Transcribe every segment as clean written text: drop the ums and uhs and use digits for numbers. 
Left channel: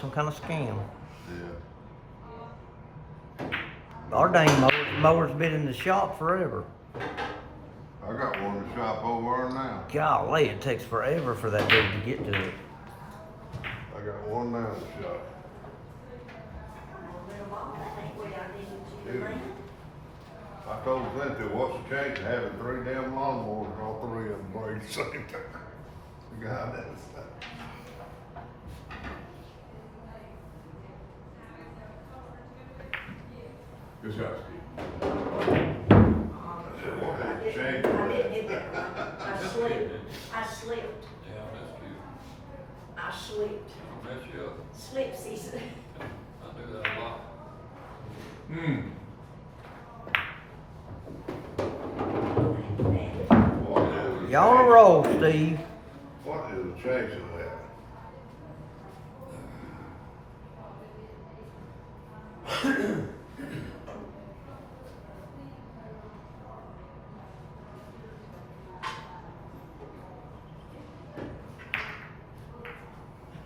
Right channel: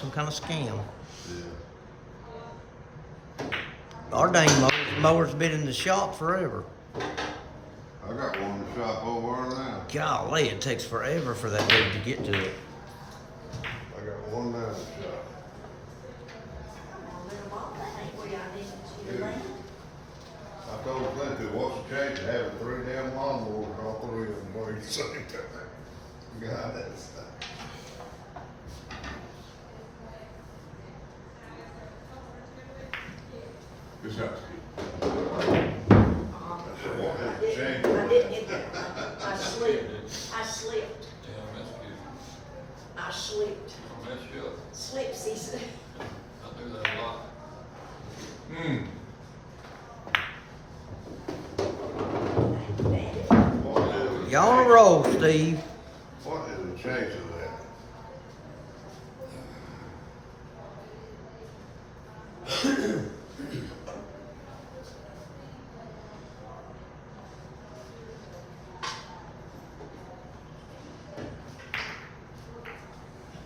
some kind of scam. Yeah. Our dang mower's been in the shop forever. I got one in the shop over there now. Golly, it takes forever for that dude to get to it. I got one now in the shop. Yeah. I told Clint to what's the change of having 3 damn lawnmowers and all 3 of them break at the same time. God, that's. Good job, Steve. I slipped. Yeah, that's good. I slipped. I'll mess you up. Slipsies. I do that a lot. You on a roll, Steve. What is the change of that?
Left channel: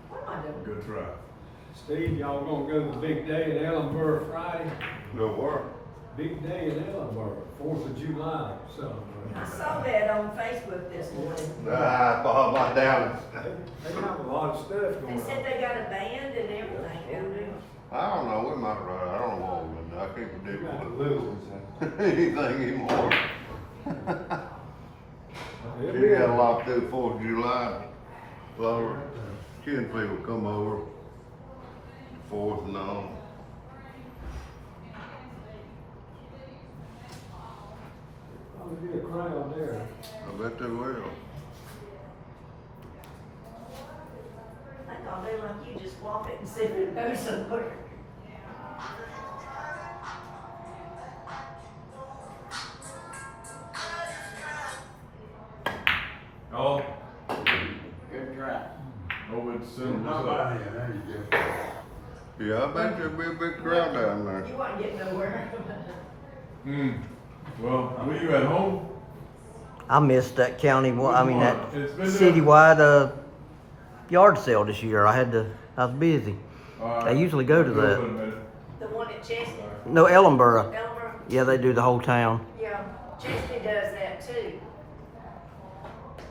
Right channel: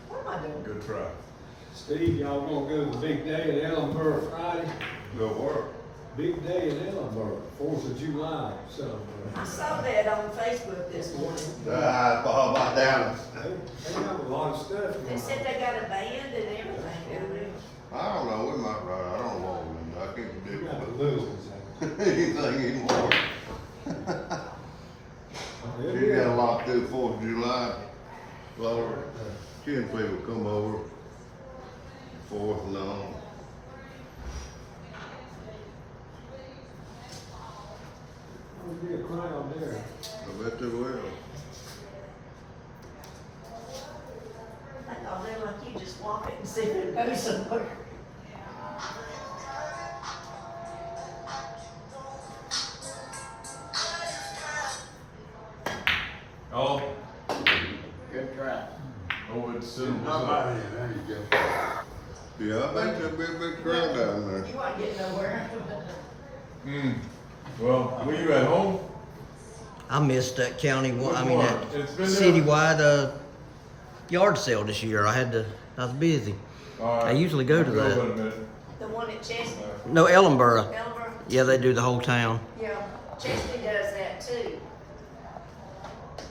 What am I doing? Good try. Steve, y'all gonna go to the big day in Ellenboro Friday? No work. Big day in Ellenboro, 4th of July, somewhere. I saw that on Facebook this morning. Bob, I down. They have a lot of stuff They going said on. they got a band and everything down there. I don't know, we might ride, I don't know, I can't You predict got the little ones. anything anymore. They'll She be got a out. lot to do 4th of July. Well, kin people come over, 4th and all. There'll be a crowd there. I bet they will. I thought they like you just walk it and sit and go somewhere. Oh, Good try. over the soon. Not bad, there you go. Yeah, I think there'll be a big crowd down there. You ain't getting nowhere. Well, were you at home? I missed that county, that It's been there. citywide yard sale this year. I was busy. All I usually go to Hold on that. a minute. The one at Chesney, No, Ellenboro. Elmer, Yeah, they do the whole town. yeah, Chesney does that too.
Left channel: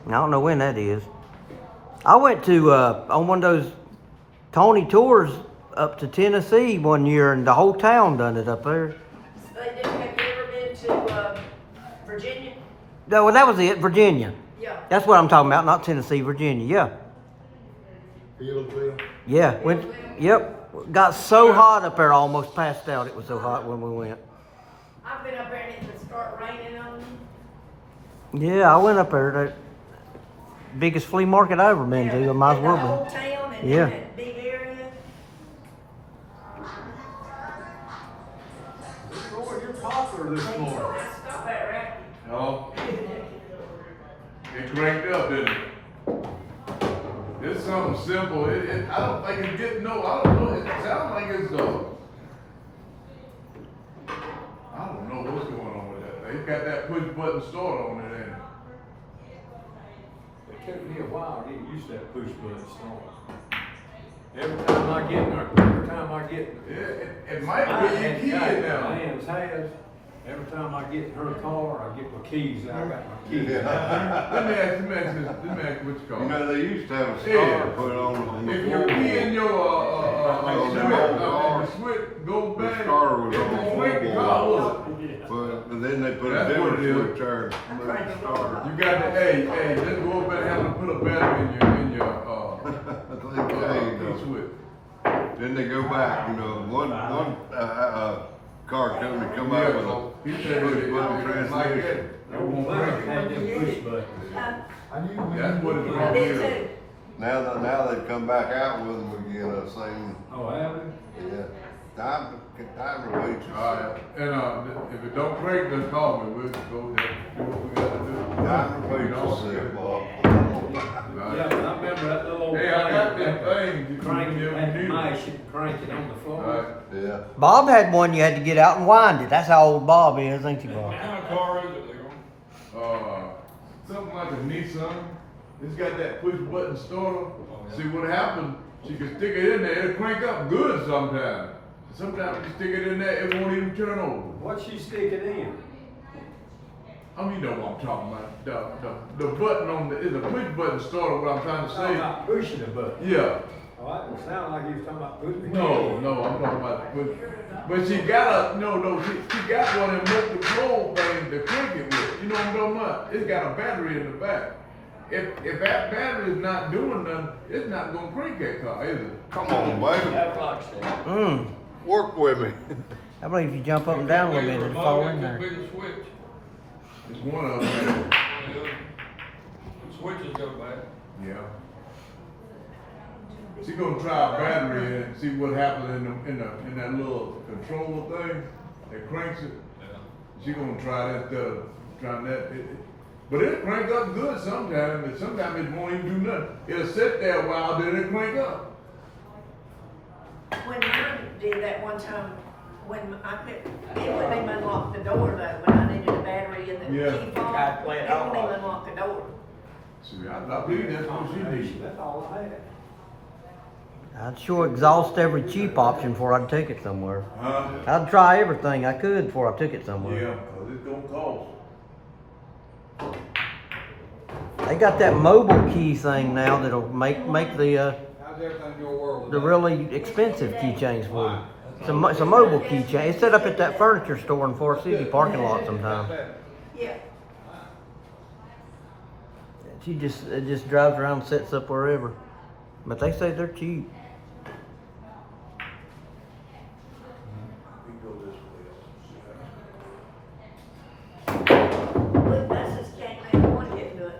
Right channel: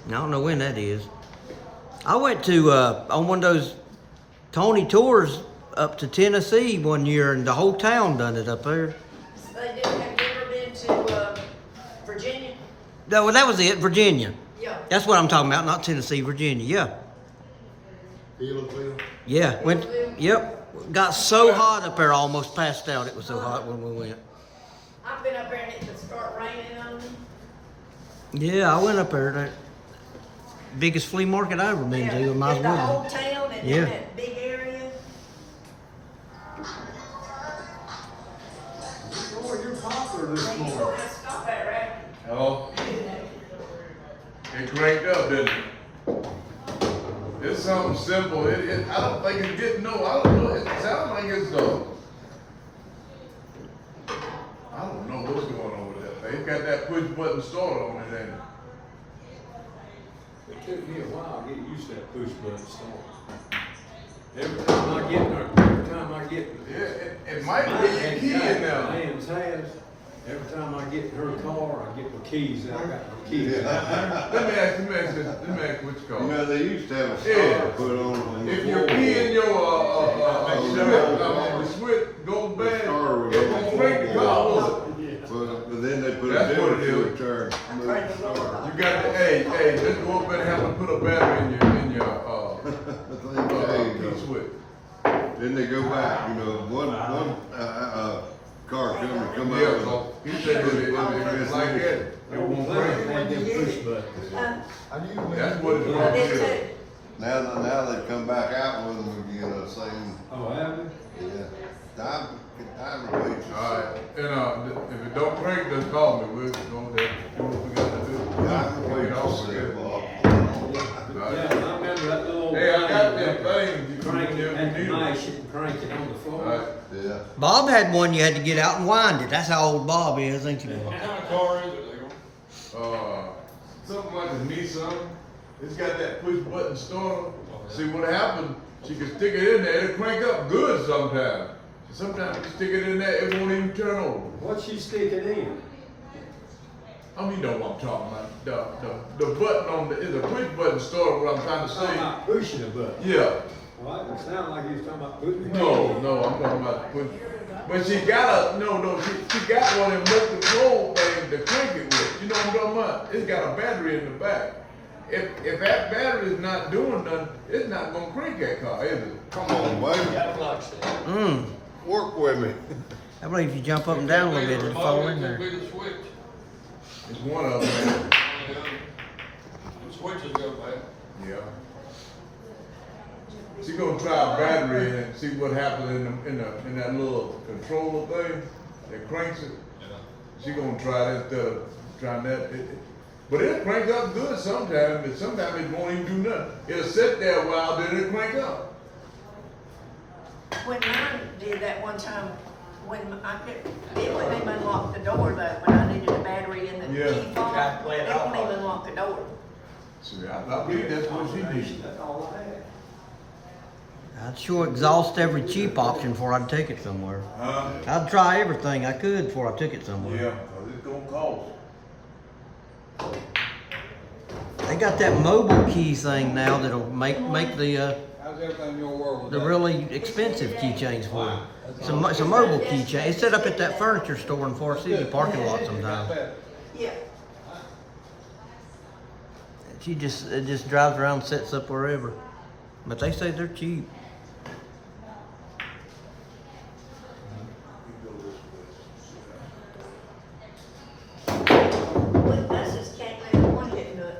I don't know when that is. I went to on one of those Tony tours up to Tennessee one year, and the whole town done it up there. They do, have you ever been to, Virginia? No, well, that was it, Virginia. Yeah. That's what I'm talking about, not Tennessee, Virginia. Yeah, Phillipsville? yeah. Went. Yep. Got so hot up there, I almost passed out. It was so hot when we went. I've been up there and it would start raining on me. Yeah, I went up there. That biggest flea market I ever been to. I might as In the whole well town and Yeah. in that big area. Boy, you're popular this morning. Let's stop that right. Hello? It cranked up, didn't it? It's something simple. I don't think it's getting I don't know. It sounds like it's I don't know what's going on with that thing. It's got that push button start on it, ain't It took me a while to get used to that push button start. Every time I get, it? Yeah, it might my be your key in there. Lamb's has, every time I get in her car, I get my keys out. I got my keys Yeah. out. Let me ask you what you You call know, they used to have a Yeah. starter put on the If your floor. key in your the switch goes The bad, starter was it on the won't make the floor. car work. But then they put That's it what in it to is. turn. You got to, hey, this boy better have to put a battery in your key switch. Then they go back, you know, one car come Yeah, out. so he said it's like that. They won't let me have them push buttons. That's what it's I gonna did do. too. Now they've come back out with them again, saying, Oh, have they? yeah, time to wait. Alright, and if it don't break, then call me, we'll go there, do what we gotta do. Time to wait, You know, I'll see it, Bob. Yeah, I remember that little old Hey, I got thing. that thing. Crank it, and You mash it and crank it on the floor. Alright. Yeah. Bob had one you had to get out and wind it. That's how old Bob is, ain't you, Bob? What kind of car is it, Leroy? Something like a Nissan. It's got that push button starter. See what happened? She can stick it in there, it'll crank up good sometimes. Sometimes you stick it in there, it won't even turn over. What's she sticking in? I mean, you know what I'm talking about. The button on the, is a push button started what I'm trying to Talking say. about pushing the button. Yeah. Oh, it sounded like you was talking about putting the key No, in. no, I'm talking about, but she got she got one of them remote control things to crank it with. You know what I'm talking about? It's got a battery in the back. If that battery is not doing nothing, it's not gonna crank that car, is it? Come on, baby, That's what I said. work with me. I believe if you jump up and down a little bit, it'll fall in there. It could be the switch. It's one of them. The switches go back. Yeah. She gonna try a battery and see what happens in that little controller thing that cranks it. Yeah. She gonna try that instead of trying that. But it cranks up good sometimes, and sometimes it won't even do nothing. It'll sit there a while, then it crank up. When I did that one time, when I put, it wouldn't even unlock the door though, when I needed a battery in the Yeah. key fob. Gotta play it It out wouldn't right. even unlock the door. See, I believe that's what she needs. That's all I had. I'd sure exhaust every cheap option before I'd take it somewhere. Huh? I'd try everything I could before I took it somewhere. Yeah, 'cause it's gonna cost. They got that mobile key thing now that'll make the How's everything in your world? the really expensive keychains for you. It's a mobile keychain. It's set up at that furniture store in Forest City parking lot sometimes. Yeah. It just drives around and sets up wherever. But they say they're cheap. Look, that's just can't let one get done.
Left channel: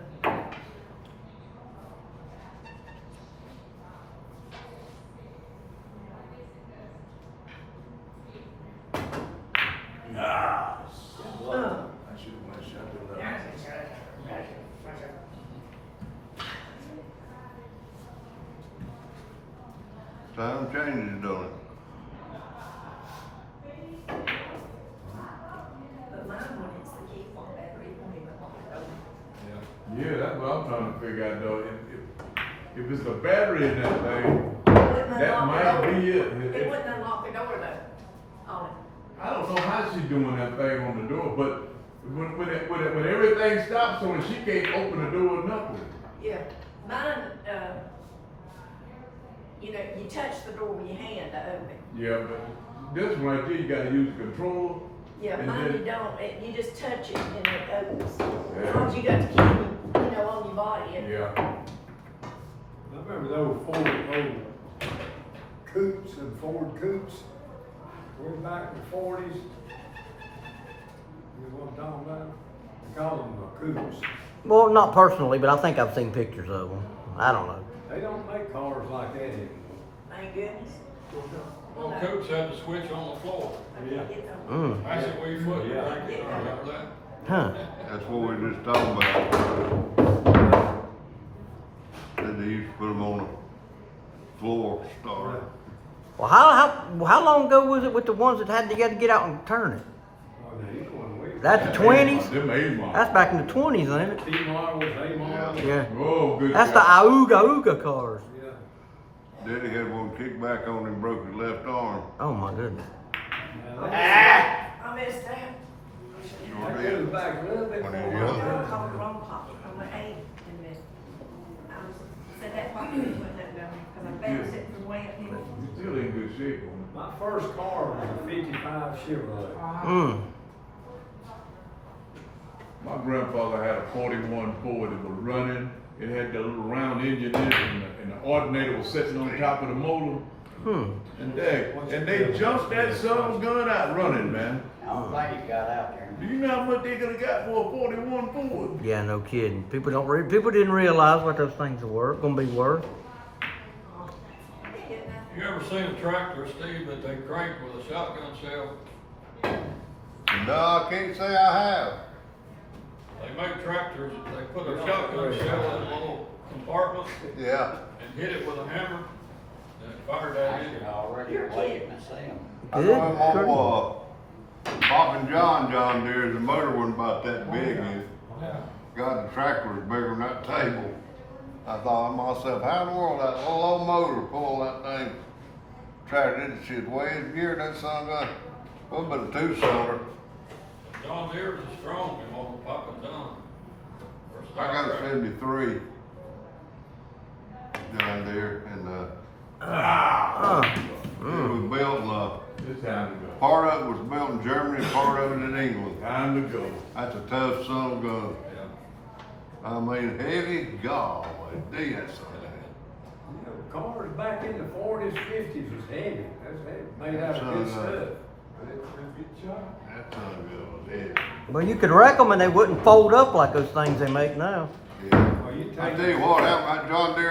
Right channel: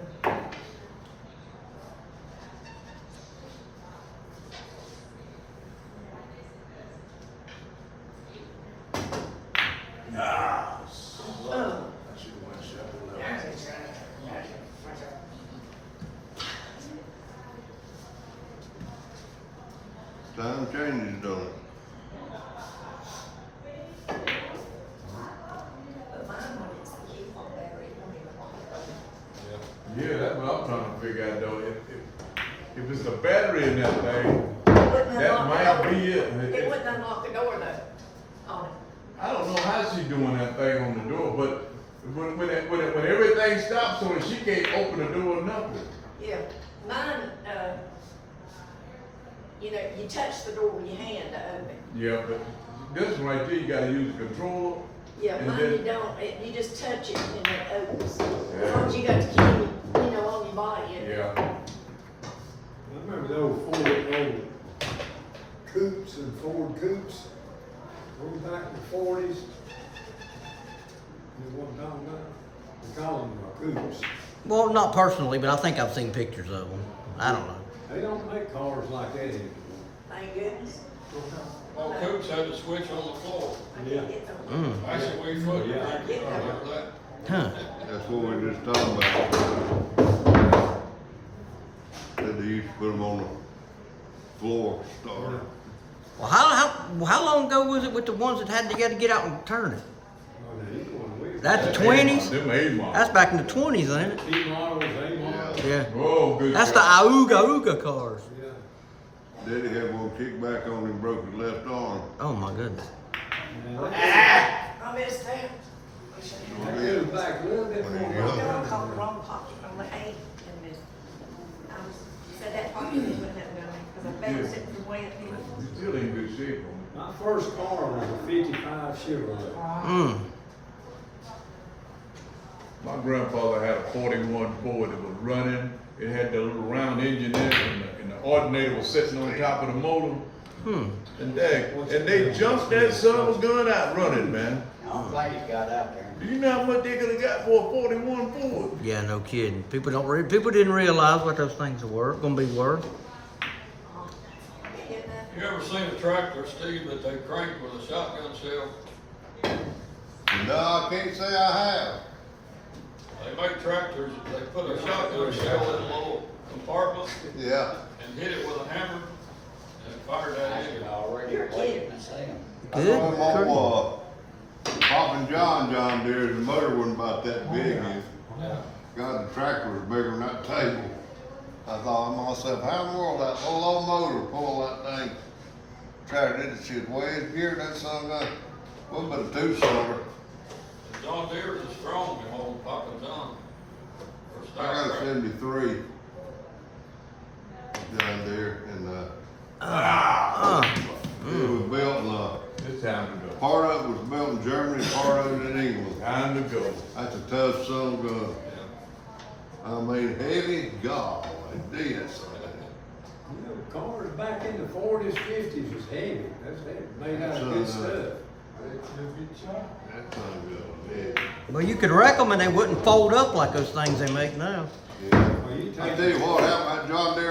Time changes, don't it? But mine, when it's the key fob battery, it won't even unlock the door. Yeah, that's what I'm trying to figure out though. If it's a battery in that thing, It wouldn't that unlock the might door. be it. It wouldn't unlock the door though, on it. I don't know how she doing that thing on the door, but when everything stops, so she can't open the door or nothing. Yeah, mine, you know, you touch the door with your hand to open. Yeah, but this one right there, you gotta use the controller. Yeah, And mine then- you don't, you just touch it and it opens. As long as you got the key, you know, on your body. Yeah. I remember those Ford coupes and Ford coupes, way back in the 40s. You know what I'm talking about? We call them coupes. Well, not personally, but I think I've seen pictures of them. I don't know. They don't make cars like that anymore. Thank goodness. Well, Coops had the switch on the floor. Yeah. Get them. That's it, we foot, Yeah. crank it, remember that? Huh. That's what we were just talking about. That they used to put them on the floor starter. Well, how long ago was it with the ones that had to get out and turn it? Oh, now you going way back. That's the 20s? Them A-models. That's back in the 20s, ain't it? T-models, A-models. Yeah. Oh, good. That's the God. Auga cars. Yeah. Daddy had one kick back on him, broke his left arm. Oh my goodness. Now, that I missed that. that goes back a little bit more. I than called that. the wrong topic on the eight in this. Said that probably wouldn't have done it, because I better sit from way up here. It's still in good shape on My first car was a 55 Chevrolet. Mm. My grandfather had a 41 Ford that was running. It had that little round engine in it, and the alternator was sitting on top of the motor. And they jumped that son gun out running, man. I'm glad he got out there. Do you know how much they could have got for a 41 Ford? Yeah, no kidding. People didn't realize what those things were gonna be worth. You ever seen a tractor, Steve, that they crank with a shotgun shell? No, I can't say I have. They make tractors, they put a shotgun shell in a little compartment Yeah. and hit it with a hammer and fire that I in could it. already play it myself. Good. Pop and John Deere, the motor wasn't about that big. Yeah. God, the tractor was bigger than that table. I thought to myself, how in the world that old low motor pulling that thing tractor did the shit way in gear, that son of a, what but a two-cylinder. John Deere's is strong, you hold the pop and down. Or I stop got a tractor. 73 down there, and it was built, It's time to go. part of it was built in Germany, part of it in England. Time to go. That's a tough son of a gun. Yeah. I mean, heavy, God, damn, that son. You know, cars back in the forties, fifties was heavy. That's heavy, made out of good stuff. Good shot. That son of a gun, yeah. Well, you could wreck them and they wouldn't fold up like those things they make now. Yeah. Well, you I take. tell you what, that John Deere